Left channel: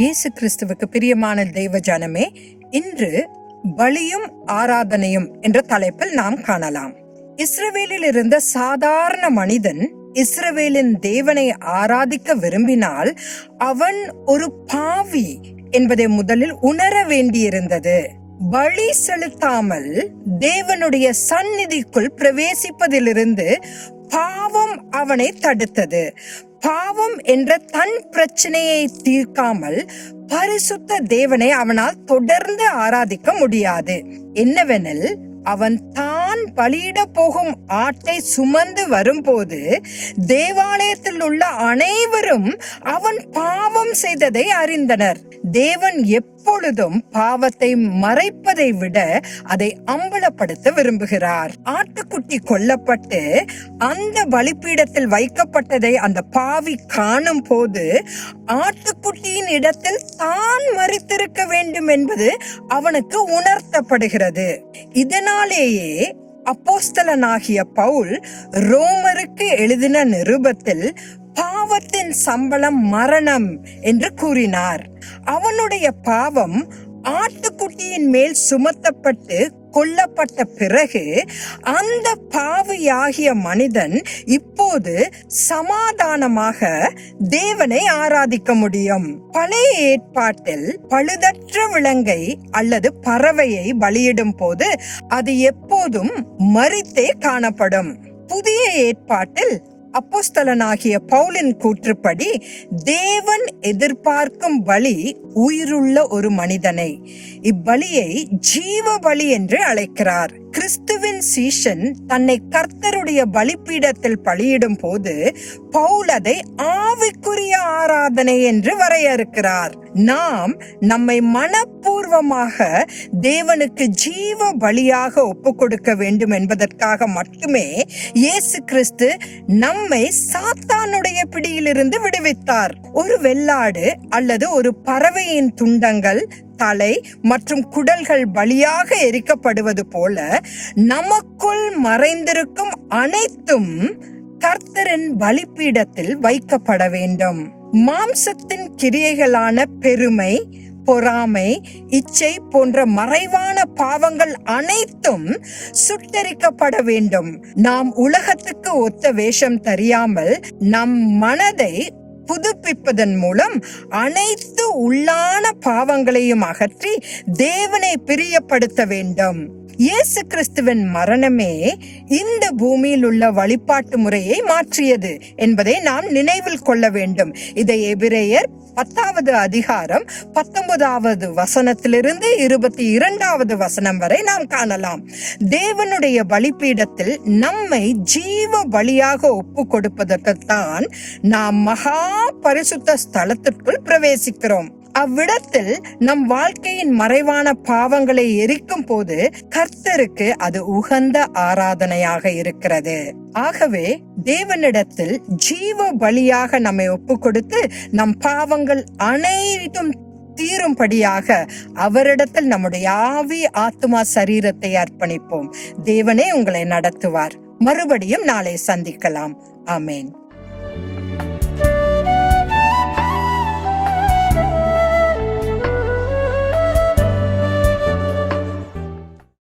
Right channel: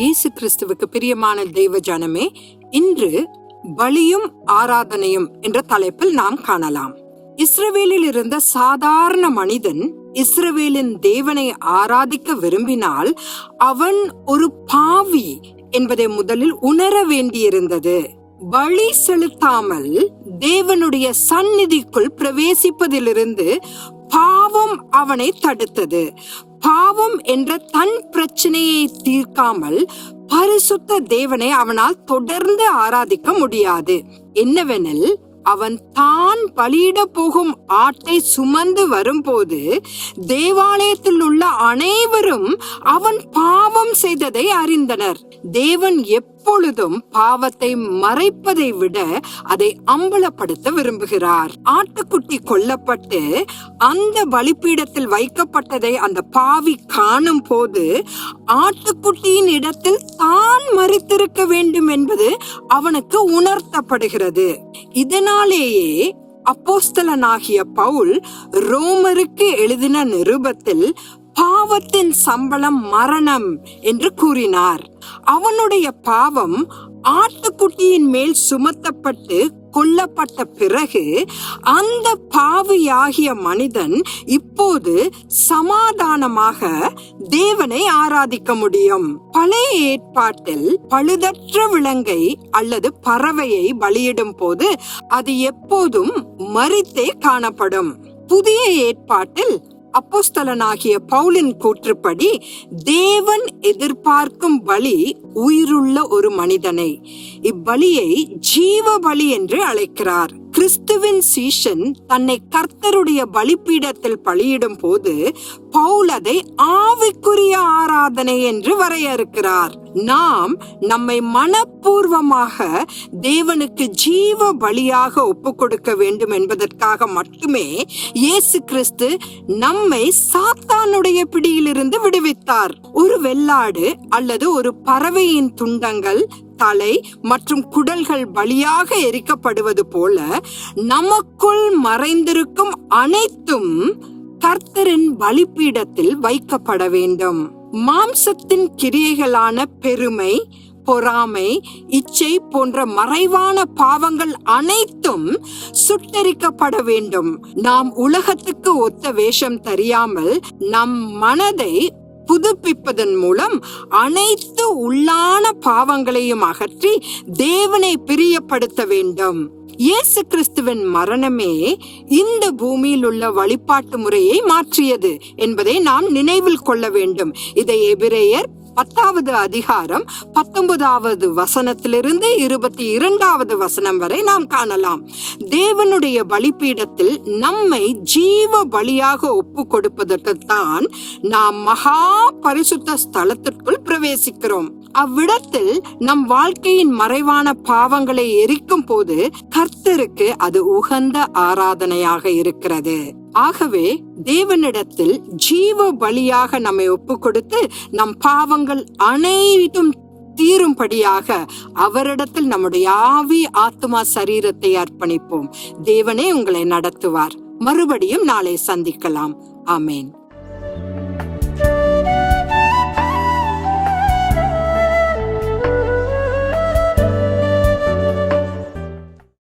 இயேசு கிறிஸ்துவுக்கு பிரியமான தெய்வ ஜனமே இன்று பலியும் ஆராதனையும் என்ற தலைப்பில் நாம் காணலாம். இஸ்ரவேலில் இருந்த சாதாரண மனிதன் இஸ்ரவேலின் தேவனை ஆராதிக்க விரும்பினால் அவன் ஒரு பாவி என்பதை முதலில் உணர வேண்டியிருந்தது. பலி செலுத்தாமல் தேவனுடைய சந்நிதிக்குள் பிரவேசிப்பதிலிருந்து பாவம் அவனை தடுத்தது. பாவம் என்ற தன் பிரச்சனையை தீர்க்காமல் பரிசுத்த தேவனை அவனால் தொடர்ந்து ஆராதிக்க முடியாது. என்னவெனில் அவன் தான் பலியிட போகும் ஆட்டை சுமந்து வரும்போது தேவாலயத்தில் உள்ள அனைவரும் அவன் பாவம் செய்ததை அறிந்தனர். தேவன் எப்பொழுதும் பாவத்தை மறைப்பதை விட அதை அம்பலப்படுத்த விரும்புகிறார். ஆட்டுக்குட்டி கொல்லப்பட்டு அந்த பலிப்பீடத்தில் வைக்கப்பட்டதை அந்த பாவி காணும் போது ஆட்டுக்குட்டியின் இடத்தில் தான் மறித்திருக்க வேண்டும் என்பது அவனுக்கு உணர்த்தப்படுகிறது. இதனாலேயே அப்போஸ்தலனாகிய பவுல் ரோமருக்கு எழுதின நிருபத்தில் பாவத்தின் சம்பளம் மரணம் என்று கூறினார். அவனுடைய பாவம் ஆட்டுக்குட்டியின் மேல் சுமத்தப்பட்டு கொல்லப்பட்ட பிறகு அந்த பாவியாகிய மனிதன் இப்போது சமாதானமாக தேவனை ஆராதிக்க முடியும். பழைய ஏற்பாட்டில் பழுதற்ற விலங்கை அல்லது பறவையை பலியிடும் போது அது எப்போதும் மறித்தே காணப்படும். புதிய ஏற்பாட்டில் அப்போஸ்தலனாகிய பவுலின் கூற்றுப்படி தேவன் எதிர்பார்க்கும் பலி உயிருள்ள ஒரு மனிதனை. இப்பலியை ஜீவ பலி என்று அழைக்கிறார். கிறிஸ்துவின் சீஷன் தன்னை கர்த்தருடைய பலிப்பீடத்தில் பலியிடும் போது பவுல் அதை ஆவிக்குரிய ஆராதனை என்று வரையறுக்கிறார். நாம் நம்மை மனப்பூர்வமாக தேவனுக்கு ஜீவ பலியாக ஒப்பு கொடுக்க வேண்டும் என்பதற்காக மட்டுமே இயேசு கிறிஸ்து நம்மை சாத்தானுடைய பிடியிலிருந்து விடுவித்தார். ஒரு வெள்ளாடு அல்லது ஒரு பறவையின் துண்டங்கள் தலை மற்றும் குடல்கள் வழியாக எரிக்கப்படுவது போல நமக்குள் மறைந்திருக்கும் அனைத்தும் கர்த்தரின் பலிப்பீடத்தில் வைக்கப்பட வேண்டும். மாம்சத்தின் கிரியைகளான பெருமை பொறாமை இச்சை போன்ற மறைவான பாவங்கள் அனைத்தும் சுட்டரிக்கப்பட வேண்டும். நாம் உலகத்துக்கு ஒத்த வேஷம் தெரியாமல் நம் மனதை புதுப்பிப்பதன் மூலம் அனைத்து உள்ளான பாவங்களையும் அகற்றி தேவனை பிரியப்படுத்த வேண்டும். இயேசு கிறிஸ்துவின் மரணமே இந்த பூமியில் உள்ள வழிபாட்டு முறையை மாற்றியது என்பதை நாம் நினைவில் கொள்ள வேண்டும். இதை எபிரேயர் பத்தாவது அதிகாரம் பத்தொன்பதாவது வசனத்திலிருந்து இருபத்தி இரண்டாவது வசனம் வரை நாம் காணலாம். தேவனுடைய பலிப்பீடத்தில் நம்மை ஜீவ பலியாக ஒப்பு கொடுப்பதற்குத்தான் நாம் மகா பரிசுத்த ஸ்தலத்திற்குள் பிரவேசிக்கிறோம். அவ்விடத்தில் நம் வாழ்க்கையின் மறைவான பாவங்களை எரிக்கும் போது கர்த்தருக்கு அது உகந்த ஆராதனையாக இருக்கிறது. ஆகவே தேவனிடத்தில் ஜீவ பலியாக நம்மை ஒப்பு கொடுத்து நம் பாவங்கள் அனைத்தும் தீரும்படியாக அவரிடத்தில் நம்முடைய ஆவி ஆத்மா சரீரத்தை அர்ப்பணிப்போம். தேவனே உங்களை நடத்துவார். மறுபடியும் நாளை சந்திக்கலாம். ஆமேன்.